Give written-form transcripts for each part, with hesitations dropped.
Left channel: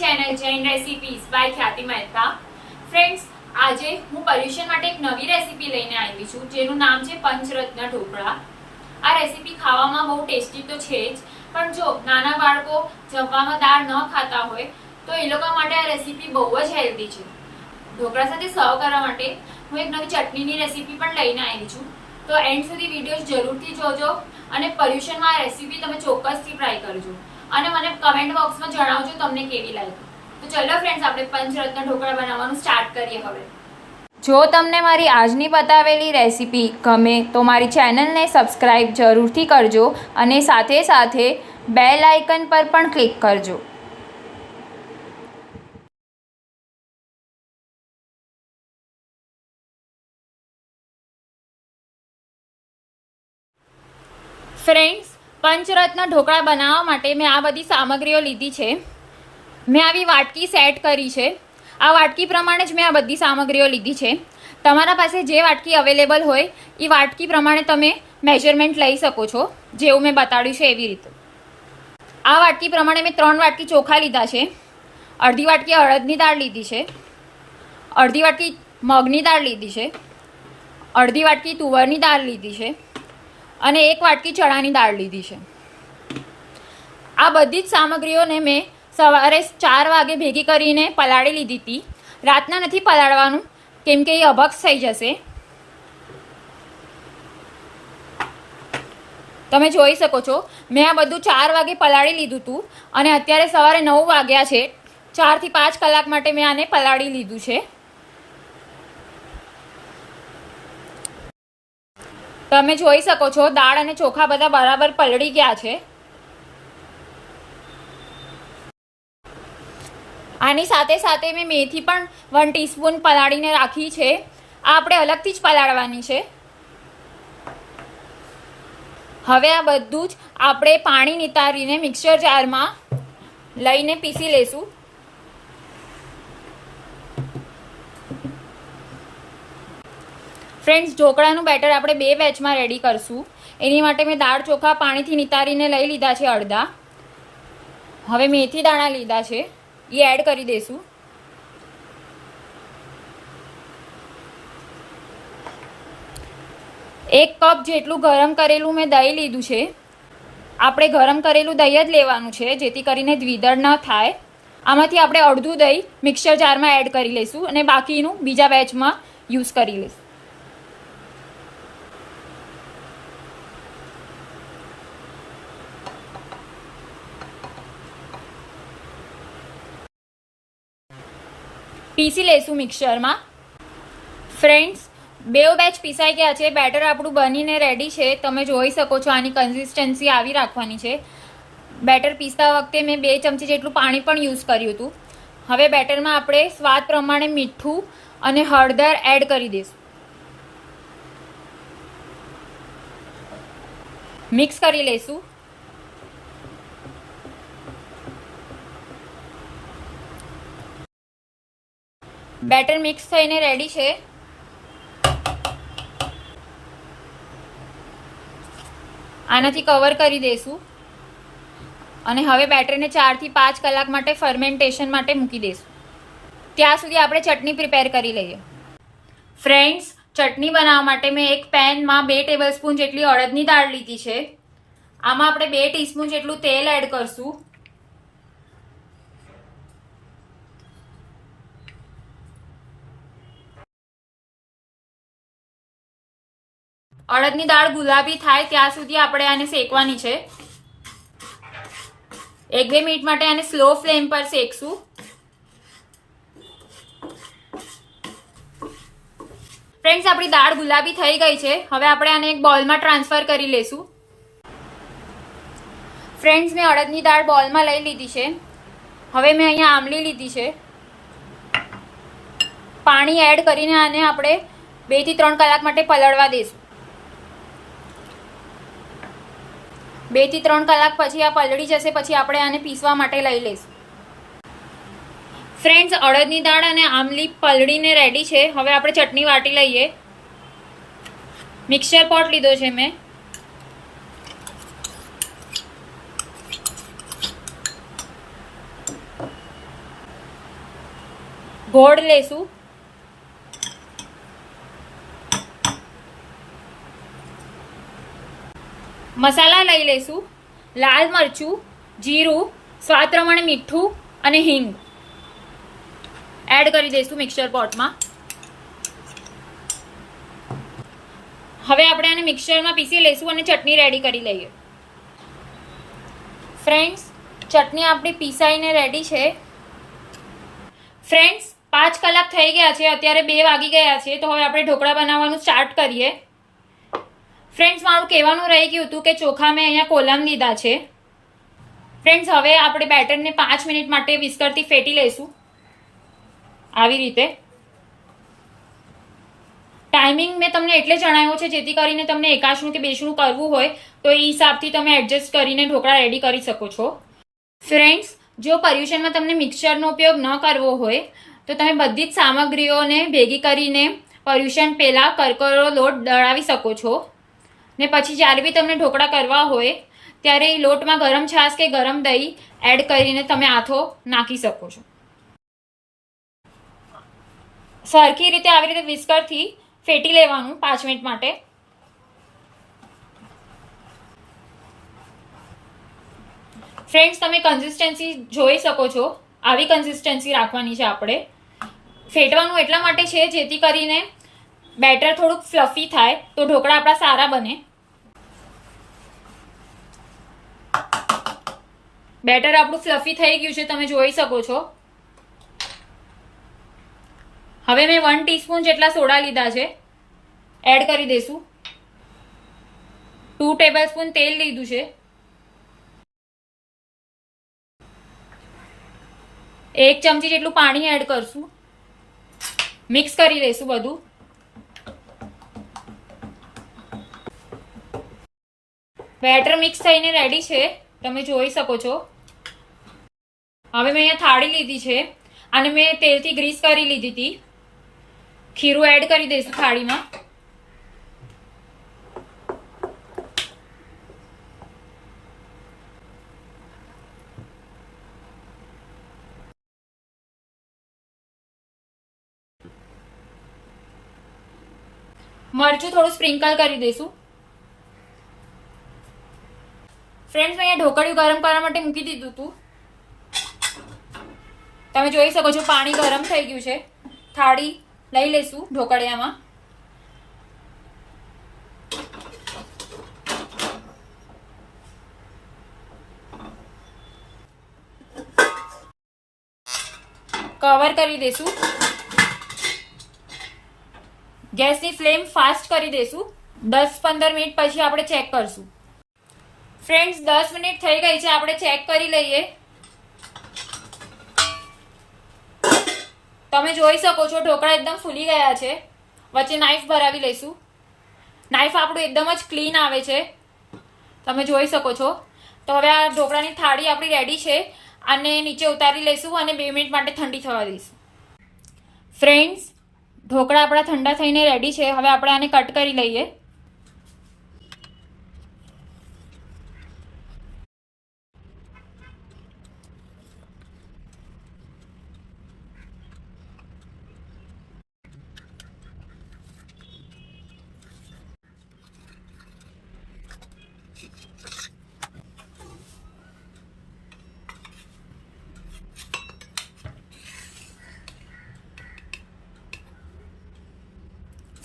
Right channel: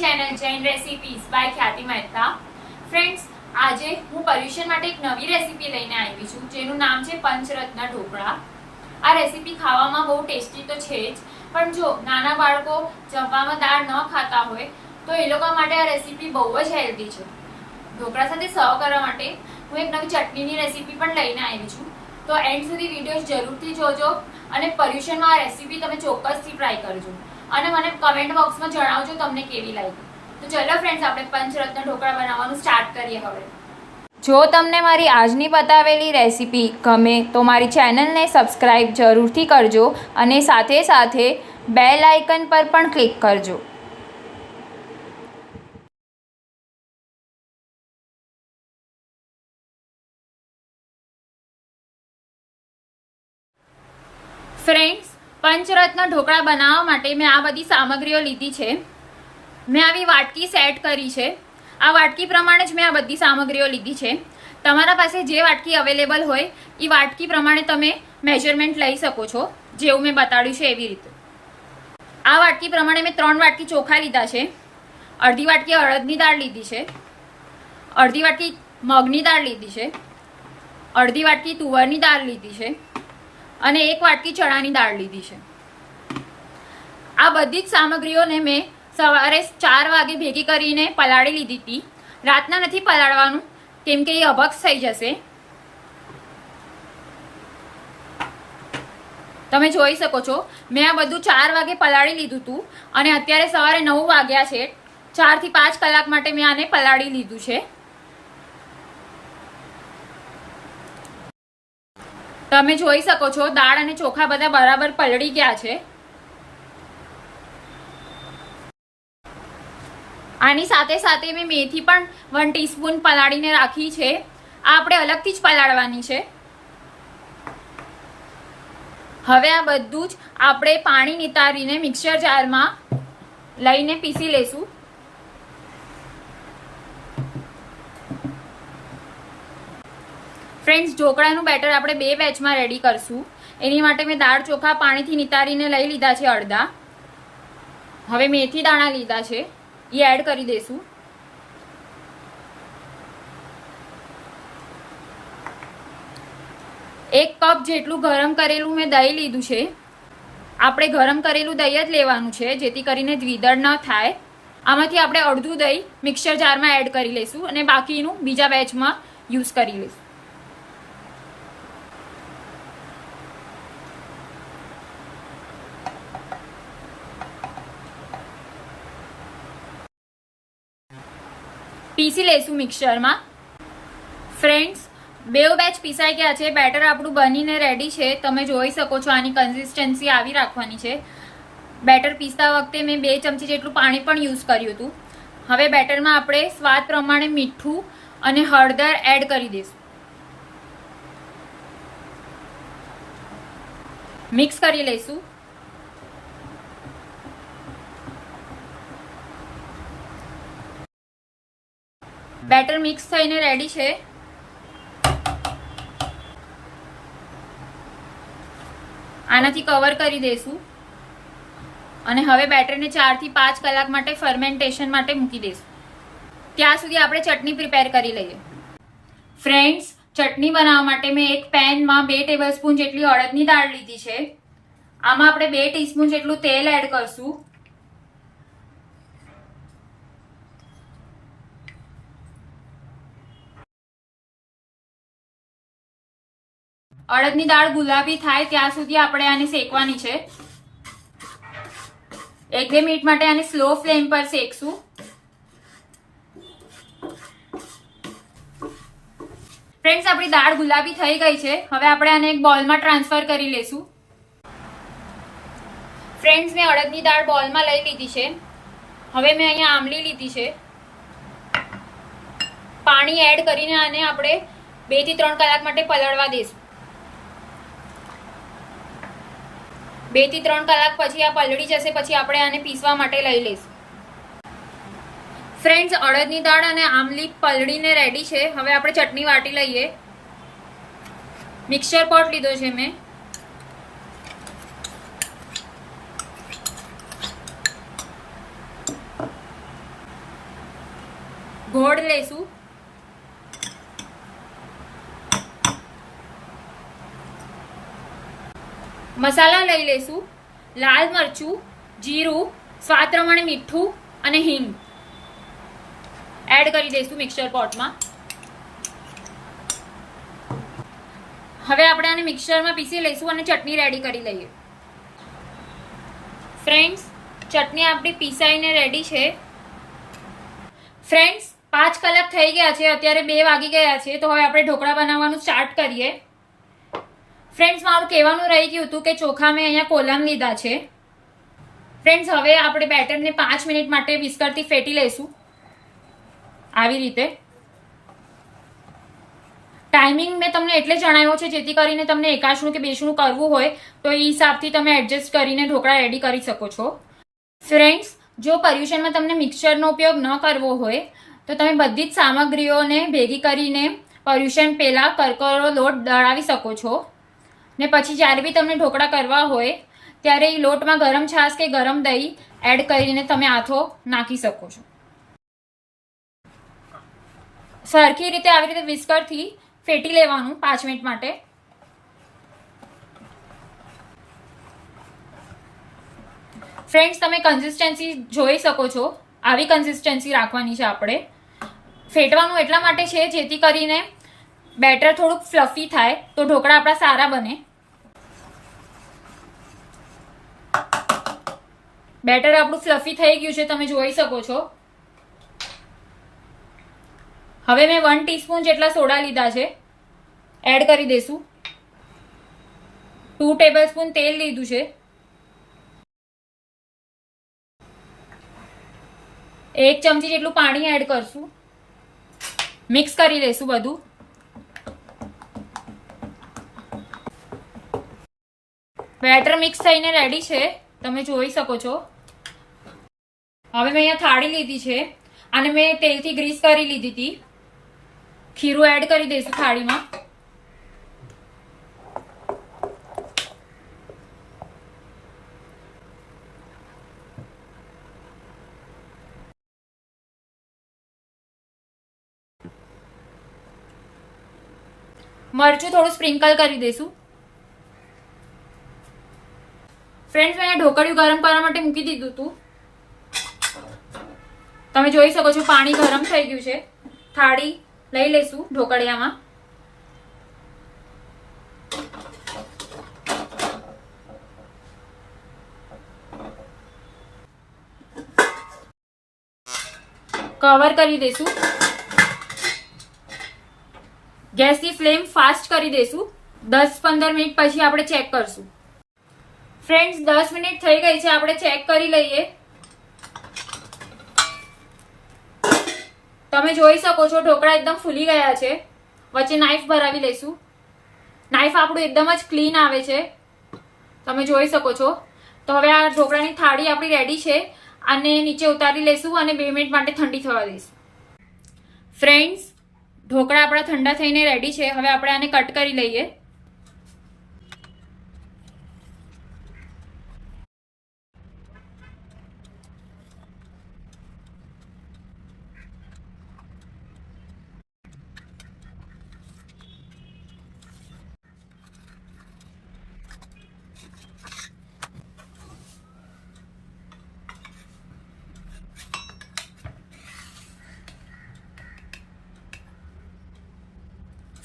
Channel Jain recipes by ખ્યાતિ Mehta. Friends, આજે હું પર્યુષણ માટે એક નવી રેસીપી લઈને આવી છું જેનું નામ છે પંચરત્ન ઢોકળા. આ રેસીપી ખાવામાં બહુ ટેસ્ટી તો છે જ, પણ જો નાના બાળકો જમવામાં દાળ ન ખાતા હોય તો એ લોકો માટે આ રેસીપી બહુ જ હેલ્ધી છે. ઢોકળા સાથે સર્વ કરવા માટે હું એક નવી ચટણીની રેસીપી પણ લઈને આવી છું, તો એન્ડ સુધી વિડીયો જરૂરથી જોજો અને પર્યુષણમાં આ રેસીપી તમે ચોક્કસથી ટ્રાય કરજો અને મને કમેન્ટ બોક્સમાં જણાવજો તમને કેવી લાગી. તો ચલો ફ્રેન્ડ્સ, આપણે પંચરત્ન ઢોકળા બનાવવાનું સ્ટાર્ટ કરીએ હવે. જો તમને મારી આજની બતાવેલી રેસીપી ગમે તો મારી ચેનલને સબસ્ક્રાઈબ જરૂરથી કરજો અને સાથે સાથે બેલ આઇકન પર પણ ક્લિક કરજો. ફ્રેન્ડ્સ, પંચરત્ન ઢોકળા બનાવવા માટે મેં આ બધી સામગ્રીઓ લીધી છે. મેં આવી વાટકી સેટ કરી છે. આ વાટકી પ્રમાણે જ મેં આ બધી સામગ્રીઓ લીધી છે. તમારા પાસે જે વાટકી અવેલેબલ હોય એ વાટકી પ્રમાણે તમે મેજરમેન્ટ લઈ શકો છો, જેવું મેં બતાડ્યું છે એવી રીતે. આ વાટકી પ્રમાણે મેં 3 વાટકી ચોખા લીધા છે, અડધી વાટકી અડદની દાળ લીધી છે, અડધી વાટકી મગની દાળ લીધી છે, અડધી વાટકી તુવરની દાળ લીધી છે અને 1 વાટકી ચણાની દાળ લીધી છે. આ બધી જ સામગ્રીઓને મેં સવારે 4 વાગે ભેગી કરીને પલાળી લીધી હતી. રાતના નથી પલાળવાનું કેમ કે એ અભક્ષ થઈ જશે. તમે જોઈ શકો છો મેં આ બધું 4 વાગે પલાળી લીધું હતું અને અત્યારે સવારે 9 વાગ્યા છે. 4 થી 5 કલાક માટે મેં આને પલાળી લીધું છે. તમે જોઈ શકો છો દાળ અને ચોખા બધા બરાબર પલળી ગયા છે. આની સાથે સાથે મેં મેથી પણ 1 ટીસ્પૂન પલાળીને રાખી છે. આ આપણે અલગથી જ પલાળવાની છે. હવે આ બધું જ આપણે પાણી નિતારીને મિક્સર જારમાં લઈને પીસી લેશું. ફ્રેન્ડ્સ, ઢોકળાનું બેટર આપણે 2 બેચમાં રેડી કરશું. એની માટે મેં દાળ ચોખા પાણીથી નિતારીને લઈ લીધા છે અડધા. હવે મેથી દાણા લીધા છે, એ એડ કરી દેશું. એક કપ જેટલું ગરમ કરેલું મેં દહીં લીધું છે. આપણે ગરમ કરેલું દહીં જ લેવાનું છે જેથી કરીને દ્વિદળ ન થાય. આમાંથી આપણે અડધું દહીં મિક્સર જારમાં એડ કરી લઈશું અને બાકીનું બીજા બેચમાં યુઝ કરી લઈશું. પીસી લઈશું મિક્સરમાં. ફ્રેન્ડ્સ, 2 બેચ પીસાઈ ગયા છે. બેટર આપણું બનીને રેડી છે. તમે જોઈ શકો છો આની કન્સિસ્ટન્સી આવી રાખવાની છે. બેટર પીસતા વખતે મેં 2 ચમચી જેટલું પાણી પણ યુઝ કર્યું હતું. હવે બેટરમાં આપણે સ્વાદ પ્રમાણે મીઠું અને હળદર એડ કરી દઈશું. મિક્સ કરી લઈશું. બેટર મિક્સ થઈને રેડી છે. આનાથી કવર કરી દઈશું અને હવે બેટરને 4 થી 5 કલાક માટે ફર્મેન્ટેશન માટે મૂકી દઈશું. ત્યાં સુધી આપણે ચટણી પ્રિપેર કરી લઈએ. ફ્રેન્ડ્સ, ચટણી બનાવવા માટે મેં એક પેનમાં 2 ટેબલસ્પૂન જેટલી અડદની દાળ લીધી છે. આમાં આપણે 2 ટીસ્પૂન જેટલું તેલ એડ કરશું. અડદની દાળ ગુલાબી થાય ત્યાં સુધી આપણે આને શેકવાની છે. 1-2 મિનિટ માટે આને સ્લો ફ્લેમ પર શેકશું. ફ્રેન્ડ્સ, આપણી દાળ ગુલાબી થઈ ગઈ છે. હવે આપણે આને એક બોલમાં ટ્રાન્સફર કરી લેશું. ફ્રેન્ડ્સ, મેં અડદની દાળ બોલમાં લઈ લીધી છે. હવે મેં અહીંયા આમલી લીધી છે. પાણી એડ કરીને આને આપણે 2 થી 3 કલાક માટે પલળવા દઈશું. 2 થી 3 કલાક પછી આ પલળી જશે પછી આપણે આને પીસવા માટે લઈ લઈશું. ફ્રેન્ડ્સ, અડદની દાળ અને આમલી પલળીને રેડી છે. હવે આપણે ચટણી વાટી લઈએ. મિક્સર પોટ લીધો છે મેં. ગોળ લેશું, મસાલા લઈ લેશું, લાલ મરચું, જીરું, સ્વાદ પ્રમાણે મીઠું અને હિંગ એડ કરી દઈશું મિક્સર પોટમાં. હવે આપણે આને મિક્સરમાં પીસી લઈશું અને ચટણી રેડી કરી લઈએ. ફ્રેન્ડ્સ, ચટણી આપણી પીસાઈને રેડી છે. ફ્રેન્ડ્સ, 5 કલાક થઈ ગયા છે, અત્યારે 2 વાગી ગયા છે. તો હવે આપણે ઢોકળા બનાવવાનું સ્ટાર્ટ કરીએ. ફ્રેન્ડ્સ, મારું કહેવાનું રહી ગયું હતું કે ચોખા મેં અહીંયા કોલમ લીધા છે. ફ્રેન્ડ્સ, હવે આપણે બેટરને 5 મિનિટ માટે વિસ્કરથી ફેટી લઈશું આવી રીતે. ટાઈમિંગ મેં તમને એટલે જણાવ્યો છે જેથી કરીને તમને એકાશનું કે બેસણું કરવું હોય તો એ હિસાબથી તમે એડજસ્ટ કરીને ઢોકળા રેડી કરી શકો છો. ફ્રેન્ડ્સ, જો પર્યુષણમાં તમને મિક્સરનો ઉપયોગ ન કરવો હોય તો તમે બધી જ સામગ્રીઓને ભેગી કરીને પર્યુષણ પહેલાં કરકરો લોટ દળાવી શકો છો ને પછી જ્યારે બી તમને ઢોકળા કરવા હોય ત્યારે એ લોટમાં ગરમ છાશ કે ગરમ દહીં એડ કરીને તમે આથો નાખી શકો છો. સરખી રીતે આવી રીતે વિસ્કરથી ફેટી લેવાનું 5 મિનિટ માટે. ફ્રેન્ડ્સ, તમે કન્સિસ્ટન્સી જોઈ શકો છો, આવી કન્સિસ્ટન્સી રાખવાની છે. આપણે ફેટવાનું એટલા માટે છે જેથી કરીને બેટર થોડુંક ફ્લફી થાય તો ઢોકળા આપણા સારા બને. બેટર આપણું ફ્લફી થઈ ગયું છે, તમે જોઈ શકો છો. હવે મેં 1 ટીસ્પૂન જેટલા સોડા લીધા છે, એડ કરી દઈશું. 2 ટેબલસ્પૂન તેલ લીધું છે. 1 ચમચી જેટલું પાણી એડ કરશું. મિક્સ કરી લઈશું બધું. બેટર મિક્સ થઈને રેડી છે, તમે જોઈ શકો છો. હવે મેં અહીંયા થાળી લીધી છે અને મેં તેલથી ગ્રીસ કરી લીધી હતી. ખીરું એડ કરી દઈશું થાળીમાં. મરચું થોડું સ્પ્રિંકલ કરી દઈશું. ફ્રેન્ડ્સ, મેં અહીંયા ઢોકળિયું ગરમ કરવા માટે મૂકી દીધું હતું. તમે જોઈ શકો છો પાણી ગરમ થઈ ગયું છે. થાળી લઈ લઈશું ઢોકળિયામાં. કવર કરી દઈશું. ગેસની ફ્લેમ ફાસ્ટ કરી દઈશું. 10-15 મિનિટ પછી આપણે ચેક કરશું. ફ્રેન્ડ્સ, 10 મિનિટ થઈ ગઈ છે, આપણે ચેક કરી લઈએ. તમે જોઈ શકો છો ઢોકળા એકદમ ફૂલી ગયા છે. વચ્ચે નાઈફ ભરાવી લઈશું. નાઈફ આપણું એકદમ જ ક્લીન આવે છે, તમે જોઈ શકો છો. તો હવે આ ઢોકળાની થાળી આપણી રેડી છે. આને નીચે ઉતારી લઈશું અને 2 મિનિટ માટે ઠંડી થવા દઈશું. ફ્રેન્ડ્સ, ઢોકળા આપણા ઠંડા થઈને રેડી છે. હવે આપણે આને કટ કરી લઈએ.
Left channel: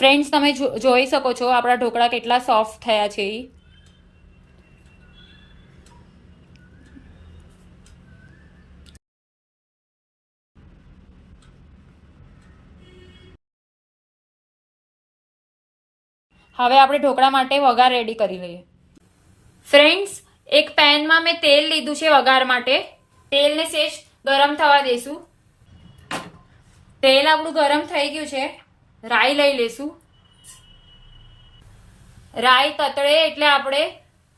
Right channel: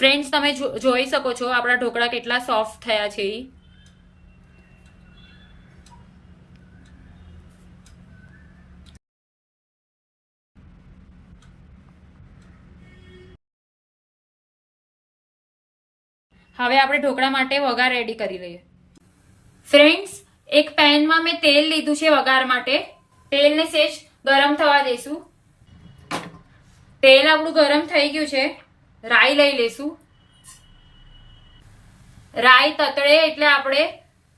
ફ્રેન્ડ્સ, તમે જોઈ શકો છો આપણા ઢોકળા કેટલા સોફ્ટ થયા છે. હવે આપણે ઢોકળા માટે વઘાર રેડી કરી લઈએ. ફ્રેન્ડ્સ, એક પેનમાં મેં તેલ લીધું છે વઘાર માટે. તેલને સેજ ગરમ થવા દઈશું. તેલ આપણું ગરમ થઈ ગયું છે. રાઈ લઈ લેશું. રાઈ તતળે એટલે આપણે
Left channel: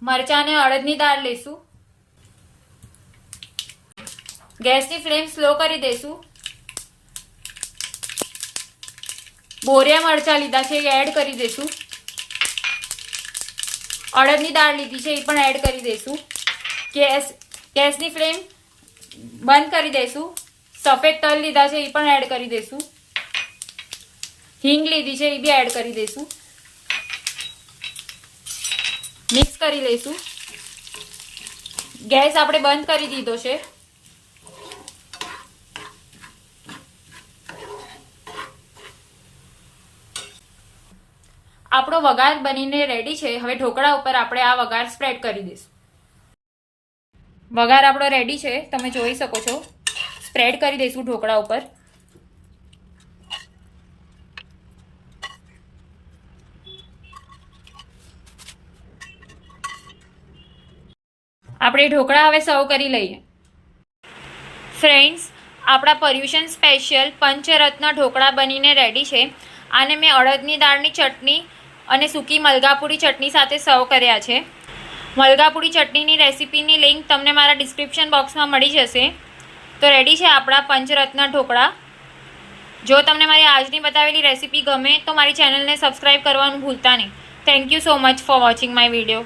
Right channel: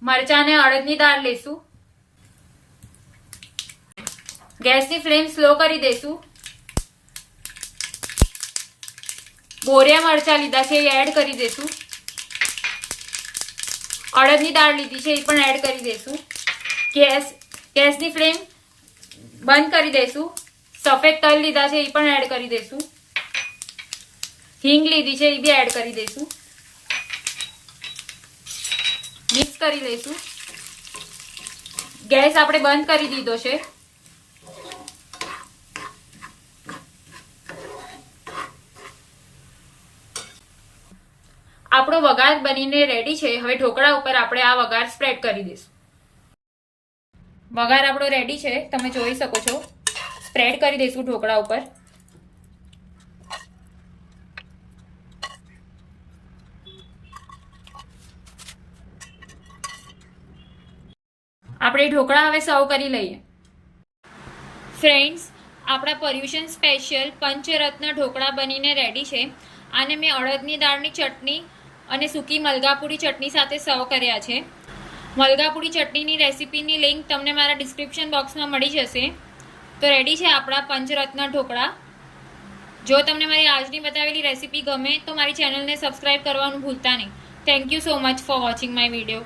મરચાં અને અડદની દાળ લેશું. ગેસની ફ્લેમ સ્લો કરી દઈશું. બોરિયા મરચાં લીધા છે, એ એડ કરી દઈશું. અડદની દાળ લીધી છે, એ પણ એડ કરી દઈશું. ગેસની ફ્લેમ બંધ કરી દઈશું. સફેદ તલ લીધા છે એ પણ એડ કરી દઈશું. હિંગ લીધી છે એ બી એડ કરી દઈશું. મિક્સ કરી લઈશું. ગેસ આપણે બંધ કરી દીધો છે. આપણો વઘાર બનીને રેડી છે. હવે ઢોકળા ઉપર આપણે આ વઘાર સ્પ્રેડ કરી દઈશું. વઘાર આપણો રેડી છે, તમે જોઈ શકો છો. સ્પ્રેડ કરી દઈશું ઢોકળા ઉપર. આપણે ઢોકળા હવે સર્વ કરી લઈએ. ફ્રેન્ડ્સ, આપણા પર્યુષણ સ્પેશિયલ પંચરત્ન ઢોકળા બનીને રેડી છે. આને મેં અડદની દાળની ચટણી અને સૂકી મલગાપુરી ચટણી સાથે સર્વ કર્યા છે. મલગાપુરી ચટણીની રેસીપીની લિંક તમને મારા ડિસ્ક્રિપ્શન બોક્સમાં મળી જશે. તો રેડી છે આપણા પંચરત્ન ઢોકળા. જો તમને મારી આજની બતાવેલી રેસીપી ગમે તો મારી ચેનલને સબસ્ક્રાઈબ કરવાનું ભૂલતા નહીં. Thank you so much for watching my video.